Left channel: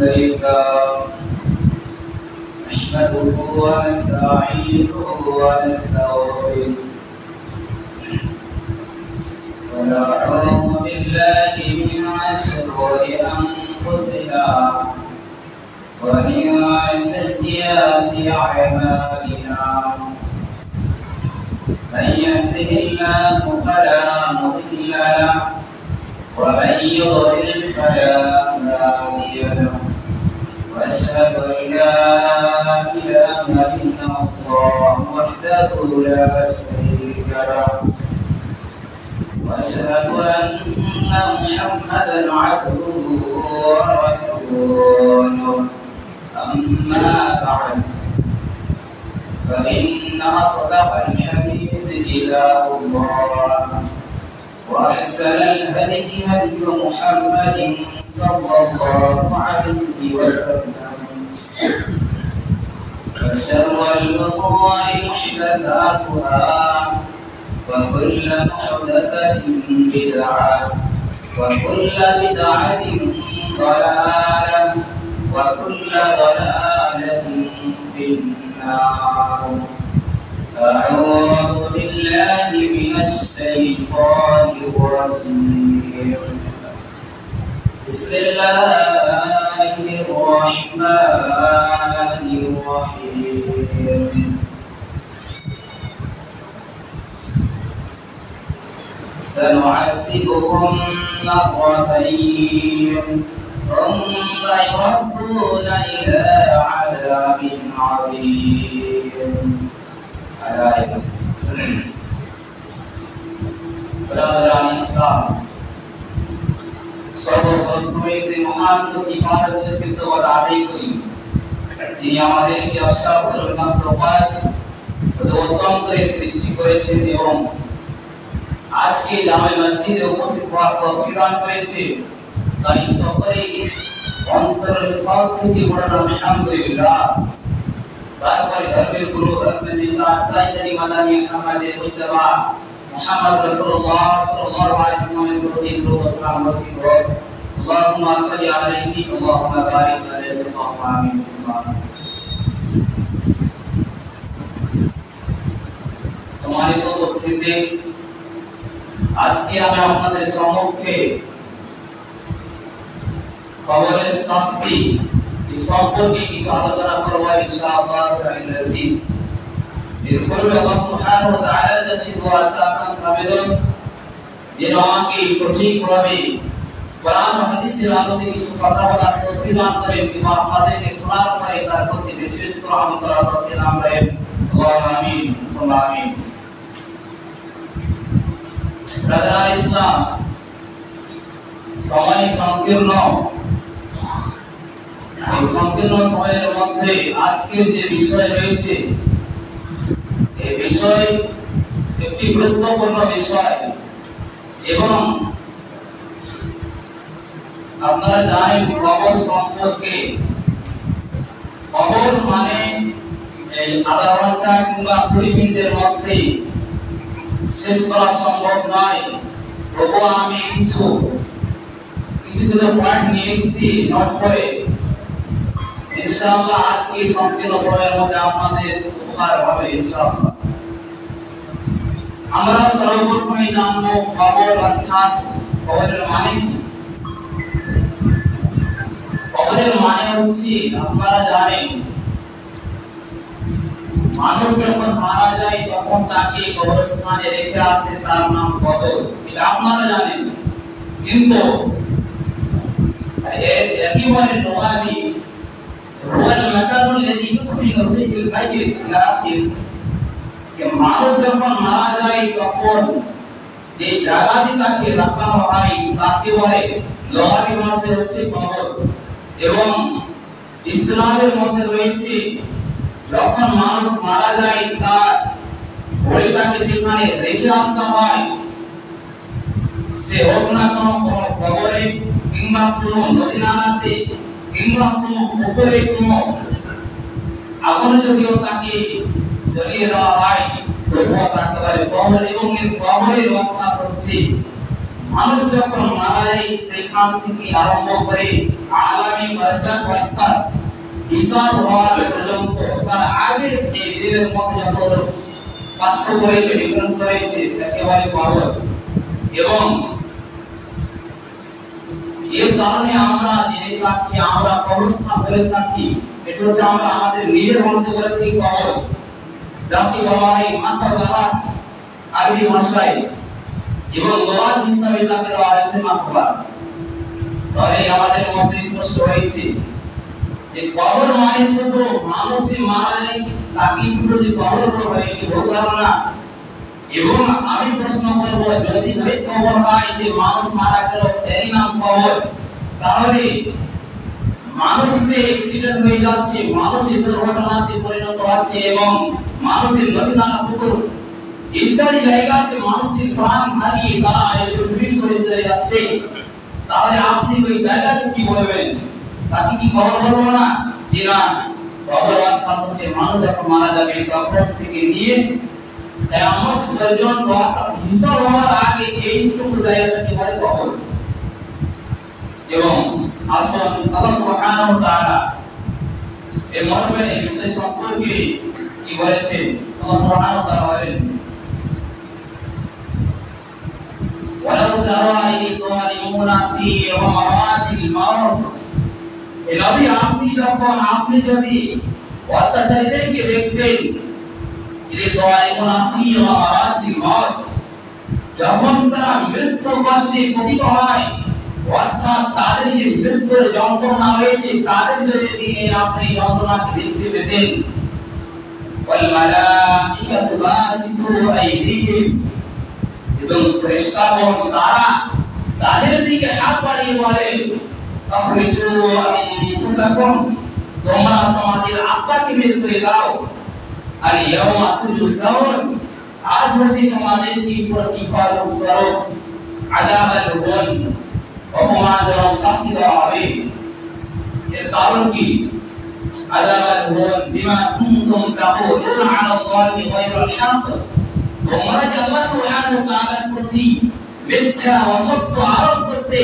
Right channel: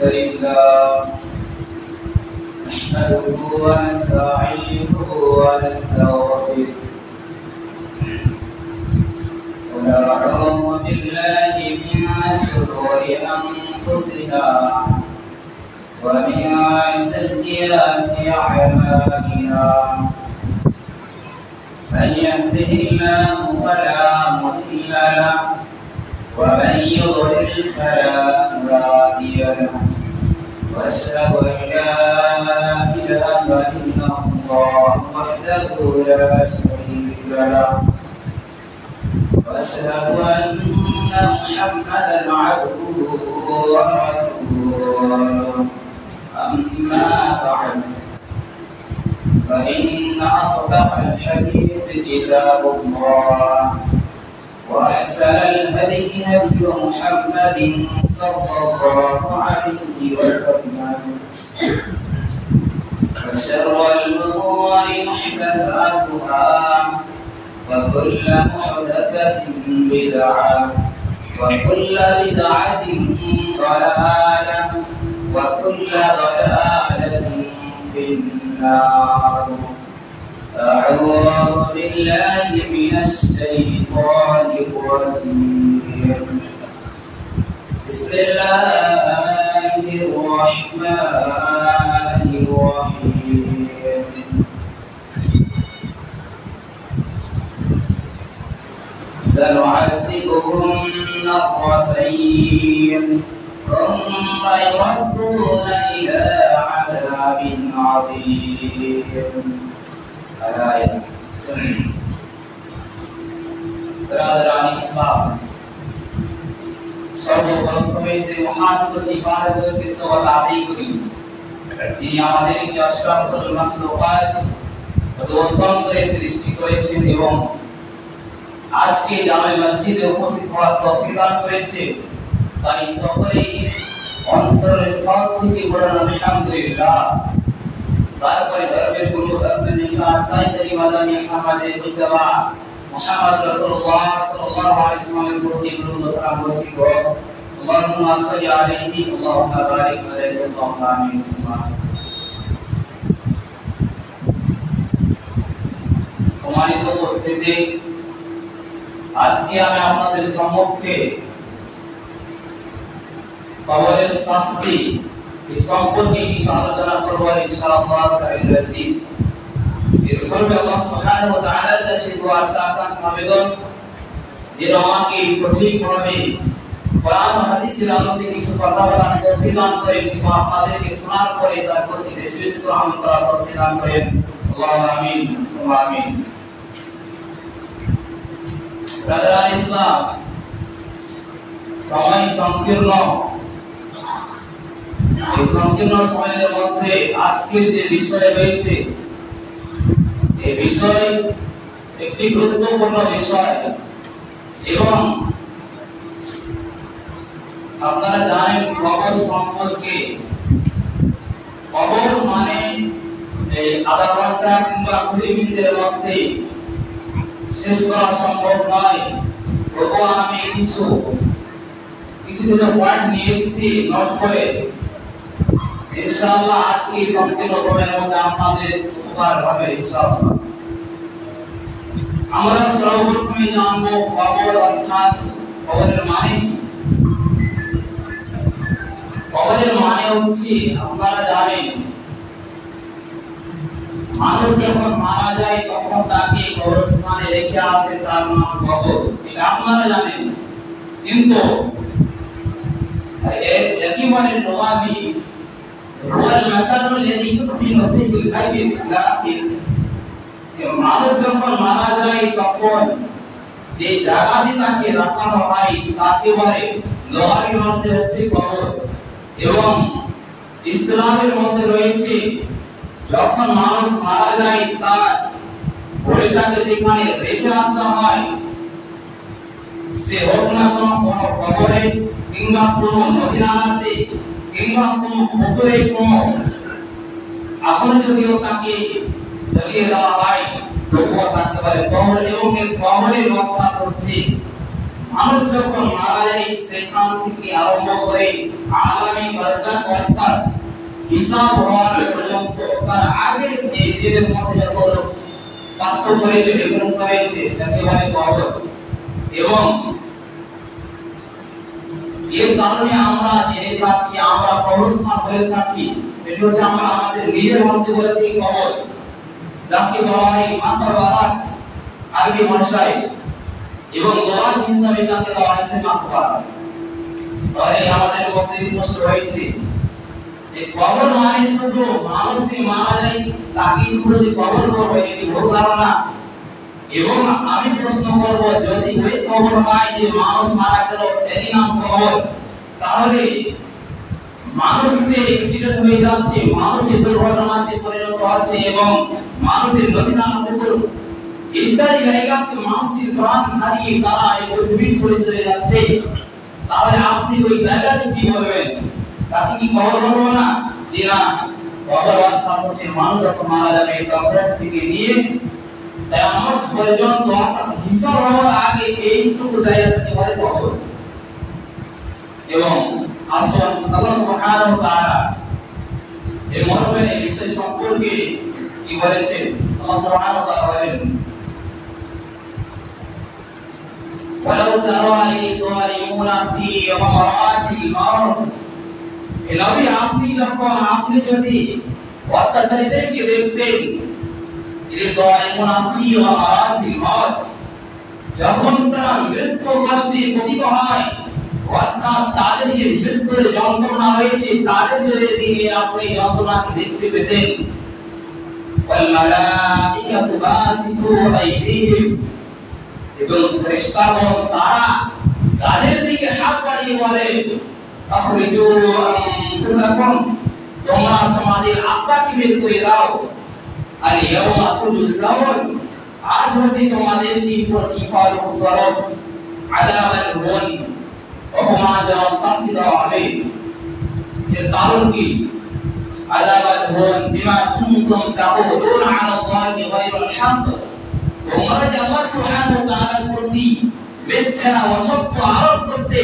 الحمد لله نحمده ونستعينه ونستغفره ونعوذ بالله من شرور أنفسنا ومن سيئات أعمالنا من يهده الله فلا مضل له ومن يضلل فلا هادي له واشهد ان لا اله الا الله وحده لا شريك له واشهد ان محمدا عبده ورسوله اما بعد فان اصدق الحديث كتاب الله وأحسن الهدي هدي محمد صلى الله عليه وسلم وشر الأمور محدثاتها وكل محدثة بدعة وكل بدعة ضلالة وكل ضلالة في النار. أعوذ بالله من الشيطان الرجيم. بسم الله الرحمن الرحيم. سنعذبهم مرتين ثم يردون إلى عذاب عظيم. সর্বপ্রথমে সেই মহান প্রতিপালকের কৃতজ্ঞতা আদায় করি যিনি আমাদেরকে অসাধারণ মাত্রপাত উত্তম করে সৃষ্টি করেছেন এবং আজকে জামে মসজিদে উপস্থিত হওয়ার তৌফিক দান করেছে। তাই সকলে অন্তরের স্থল থেকে বলেন আলহামদুলিল্লাহ। তারপরে ধর্মের গুরু ধর্মের নেতা তাইতারি মাদানী আমাদের মুজতবা মুহাম্মদ রাসূলুল্লাহ সাল্লাল্লাহু আলাইহি ওয়াসাল্লামের প্রতি দরুদ ও সালাম বর্ষিত হোক। আল্লাহুম্মা সাল্লি আলাইহি আল্লাহুম্মা বারিক আলাইহি আমিন। সম্মানিত উপস্থিতি, আজকে আমি আপনাদের সম্মুখে কবরের শাস্তি এই সম্পর্কে কিছু আলোচনা করব ইনশাআল্লাহ তাআলা আজিজ। এর পূর্বে আল্লাহ সুবহানাহু ওয়া তাআলার কাছে দোয়া সাকান আবেদন যেন আমাকে সঠিকভাবে কোরআন ও হাদিসের আলোকে কিছু কথা বলার তৌফিক দান করেন কিংবা আপনাদেরকে শোনার পরে তার প্রতি বিশেষ করে আমল করার তৌফিক দান করেন। আল্লাহুম্মা আমিন ওয়া আমিন। ব্রাদার ইসলাম, সময় সংকীর্ণ। এই সংকীর্ণ সময়ের মধ্যে আজকের যে বিষয় রয়েছে এই বিষয় একটি গুরুত্বপূর্ণ বিষয় এবং আপনারা জানেন কবর সম্পর্কে। কবর মানে এই আধা ঘন্টা কিংবা 20 মিনিটের মধ্যে শেষ করা সম্ভব নয়। তবুও আমি কিছু পয়েন্ট নিয়ে এসেছি নোট করে, ইনশাআল্লাহ আজকে সংকীর্ণ সময়ের মধ্যে আপনাদের উপকার হবে ইনশাআল্লাহ। আমরা সর্বপ্রথমে জানবো কবর অর্থাৎ কবরের মানে কি। কবরের মানে হচ্ছে, আপনারা জানেন মানুষ যখন মারা যায় তখন তাকে কবরস্থানে রেখে আসে, তার নাম কবর। এটা আপনারা জানেন। কিন্তু একেবারে নওয়াবি রুয়াল মাকানুল লাযী ইউদফিনু ফীহি আল-মাইয়িত লাকিন যে মানুষ যখন মারা যায় তখন যে জায়গাতে তাকে রাখানো হয় তাকে বলে নওয়াবি মাসে হচ্ছে কবর। এবং ইসলামের মধ্যে রয়েছে যখন মানুষ মারা যায় তার বডিটাকে যেখানে রেখে আসা হয় সে হোক না কোনো কবরে কিংবা কোনো নদী নালাতে কিংবা কোনো পুকুরে কোনো আগুনে যদিও তাকে জ্বালিয়ে দেওয়া হয় তবুও তাকে বলে কবর। এবং এই কবরের অর্থাৎ হচ্ছে মানুষ যখন মারা যায় সেখান থেকে আরম্ভ করে আলামে বারজাখ অর্থাৎ হিসাব হওয়ার পর্যন্ত তার আগে এই দিনের মধ্যে যত পার্থক্য হয়েছে, ডিফারেন্স হয়েছে, তাকে বলে কবর। এবং এর কারণে আমরা জেনে থাকি, আমরা কবরস্থান বলে থাকি, এটা হচ্ছে আমরা আমাদের নিজের ভাষায় বলে থাকি কবর, যাকে বলা হয় মাকবারা আরবি ভাষায়, এবং লোহার হিসাবে তাকে বলা হয়েছে মাকবারা। তাহলে আমাদের মধ্যে স্পষ্ট হয়েছে যে কবর মানে শুধু মানুষই মারা যায় তাকে শুধু যে কবর করবে এই ভুল ধারণা। এবং আমি প্রশ্ন করব, যদি ওই কবর হয় যে মানুষ মারা গেল এরই নাম কবর, তাহলে মানুষ যে অ্যাক্সিডেন্ট হয়ে যাচ্ছে, মানুষের দুর্ঘটনাতে পরিণত হচ্ছে এবং মানুষের নদী নালা পুকুর ইত্যাদি জায়গাতে মানুষের প্রাণ হারিয়ে তারা একটু বিছড়ে চলে যাচ্ছে, তাহলে আপনি ওই জায়গাতে কি বলবেন? তাকে কি কবর বলবো না? জি না, কবর অর্থাৎ হচ্ছে মানুষ যখন মারা যাবে কবর থেকে নিয়ে কিয়ামত পর্যন্ত অর্থাৎ হিসাব হওয়ার আগে এইটুকু জায়গাটাকে বলে কবর। এবং আসল আল্লাহ সুবহানাহু ওয়া তাআলা এই মর্মে এই বিষয় সম্পর্কে কি বলেছেন? আল্লাহ সুবহানাহু ওয়া তাআলা বলেন, ওয়ালাউ তারা ইয যালিমুনা ফি গামারাতিল মাউত, এ নবী আপনি যদি অত্যাচারীদেরকে দেখতেন, ইয যালিমুনা ফি গামারাতিল মাউত, যখন তারা মৃত্যু কষ্টে পতিত হয়, অর্থাৎ তাদের যে মৃত্যুর যন্ত্রণা হয়েছে তাদের যদি আপনি যন্ত্রণাকে দেখতে পেতেন, ওয়াল মালাইকাতু বাসিতু আইদিহিম, এবং ফেরেশতাগণ তারা তাদের দিকে হাত বাড়িয়ে বলে, আখরিজু আনফুসাকুম, তোমরা তোমাদের আত্মাকে বের করে দাও, আল ইয়াউমা তুজসাউন, আজ হতে তোমাদেরকে প্রতিফলন স্বরূপ আযাবাল হুন, অপমানজনক শাস্তি দেওয়া হবে। এর কারণ কি? আযাবাল হুন বিমা কুনতুম তাকুলুনা আলা আল্লাহি গায়রাল হক, তোমরা যে আল্লাহ সুবহানাহু ওয়া তাআলার প্রতি মিথ্যা অসত্য আরোপ করতে